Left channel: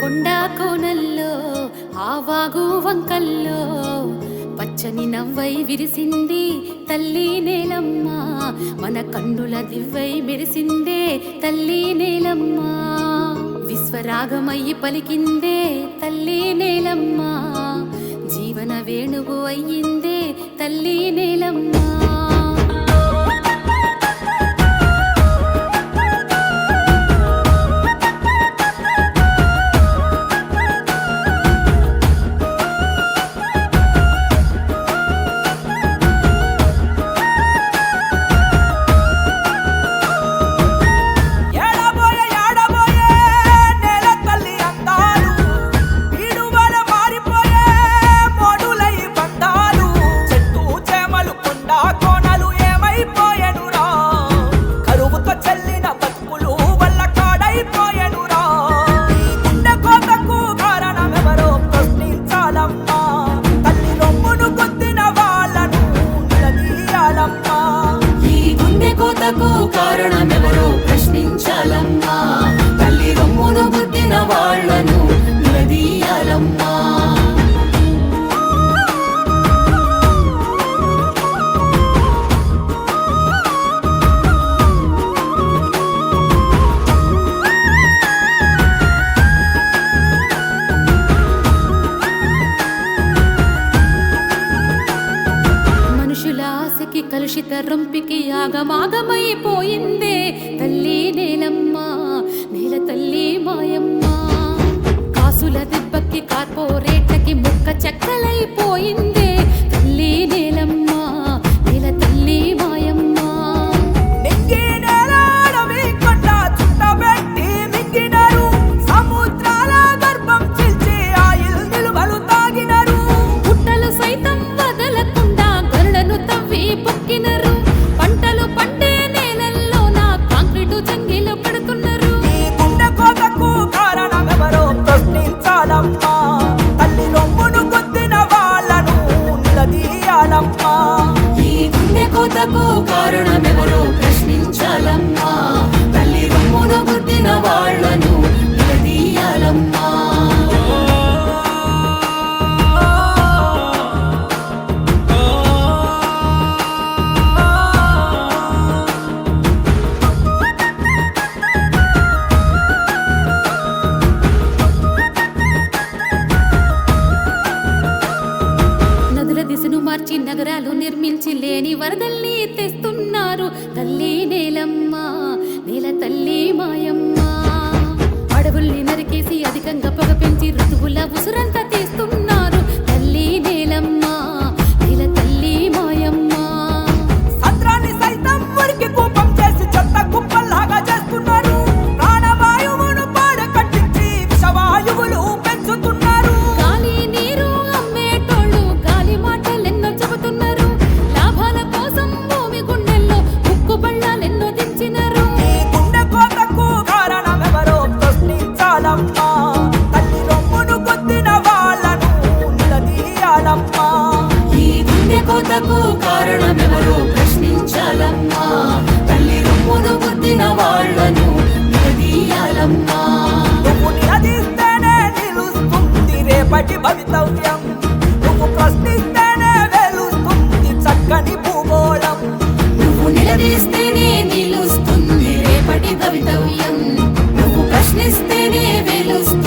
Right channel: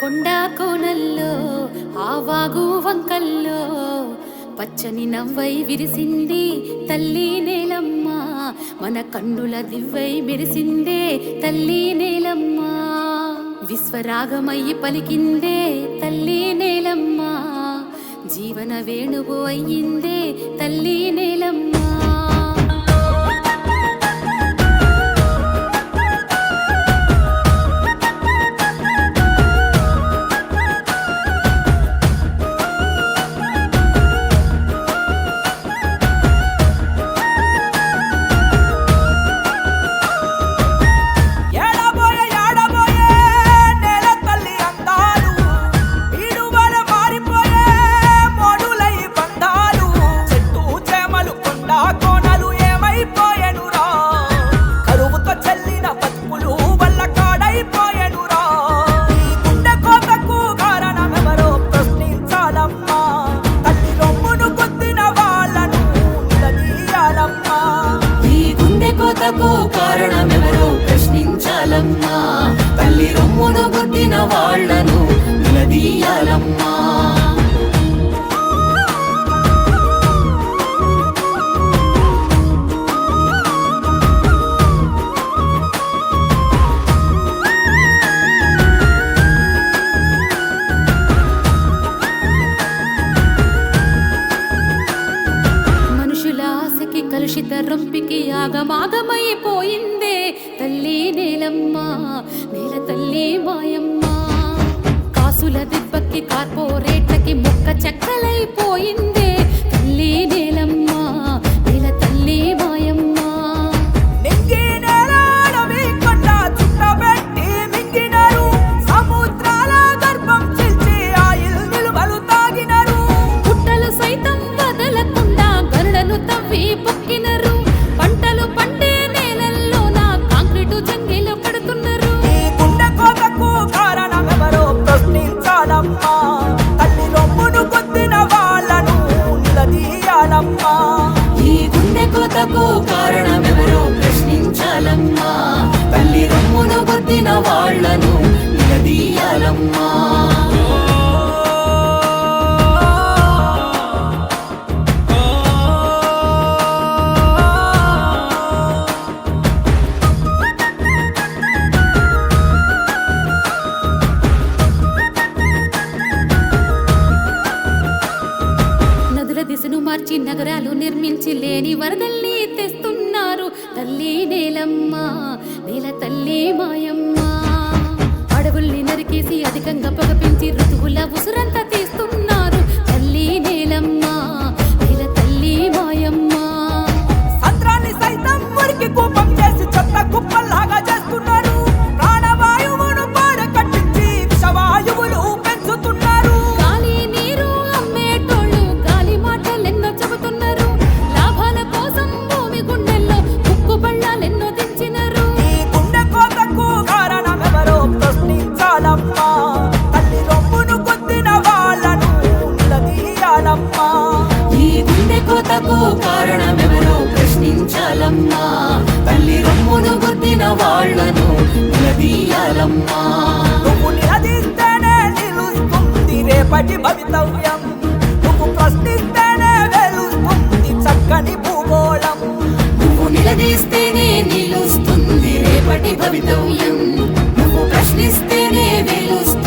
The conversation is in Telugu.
కొండా కోనల్లో ఆవాగు వంకల్లో పచ్చని నవ్వై విరిసింది తల్లి నేలమ్మ. మన కన్నుల దివ్వై మెరిసిందే తల్లి నేలమ్మ. విశ్వరాగమయ్యి పలికిందే తల్లి నేలమ్మ. జీవన వేణువు అయ్యిందే తల్లి నేలమ్మ. ఈ గుండె కోతకు కారణమెవరో ప్రశ్నించాలమ్మా. తల్లి రొమ్మును గుద్దిన వాళ్ళను నిలదీయాలమ్మా. ఆశకి కలుషిత రొంపికి ఆగమాగమైపోయిందే తల్లి నేలమ్మ. నేల తల్లి మాయమ్మ. కాసుల దెబ్బకి కార్పొరేట్లకి ముక్క చెక్కలైపోయిందే తల్లి నేలమ్మ. నేల తల్లి మాయమ్మ. తవ్వి పొక్కినరు పంటలు పండే నేలల్లో నా కాంక్రీటు జంగిలో పడుతున్నారు. ఈ గుండె కోతకు కారణమెవరో ప్రశ్నించాలమ్మా. తల్లి రొమ్మును కొద్దిన వాళ్ళను నిలదీయాలమ్మా. ఈ గుండె కోతకు కారణమెవరో ప్రశ్నించాలమ్మా. తల్లి రొమ్మును కొద్దిన వాళ్ళను నిలదీయాలమ్మా. దిశను మార్చి నగరాలు నిర్మించి లేని వరదల్ని తెస్తున్నారు తల్లి నేలమ్మ. నేల తల్లి మాయమ్మ. అడవుల్ని నరికేసి అధికంగా పొగ పెంచి ఋతువుల ఉసురంతా తీస్తున్నారు తల్లి నేలమ్మ. నేల తల్లి మాయమ్మ. సంద్రాన్ని సైతం మురికి కూపం చేసి చెత్త కుప్పల్లాగా చేస్తున్నారు. ప్రాణవాయువును పాడ కట్టించి విషవాయువులు పెంచుతున్నారు. గాలి నీరు అమ్మేటోళ్ళు గాలి మాటలెన్నో చెబుతున్నారు. లాభాల కోసం భూమి గుండెల్లో ముక్కు బళ్ళాలెన్నో దించినారు. ఈ గుండె కోతకు కారణమెవరో ప్రశ్నించాలమ్మా. తల్లి రొమ్మును కొద్దిన వాళ్ళను నిలదీయాలమ్మా. ఈ గుండె కోతకు కారణమెవరో ప్రశ్నించాలమ్మా. తల్లి రొమ్మును కొద్దిన వాళ్ళను నిలదీయాలమ్మా. నువ్వు నిలదీస్తేనే నిలుస్తుంది రేపటి భవితవ్యం. నువ్వు ప్రశ్నిస్తేనే వెలుస్తుంది చక్కని భూగోళం. నువ్వు నిలదీస్తేనే నిలుస్తుంది రేపటి భవితవ్యం. నువ్వు ప్రశ్నిస్తేనే వెలుస్తుంది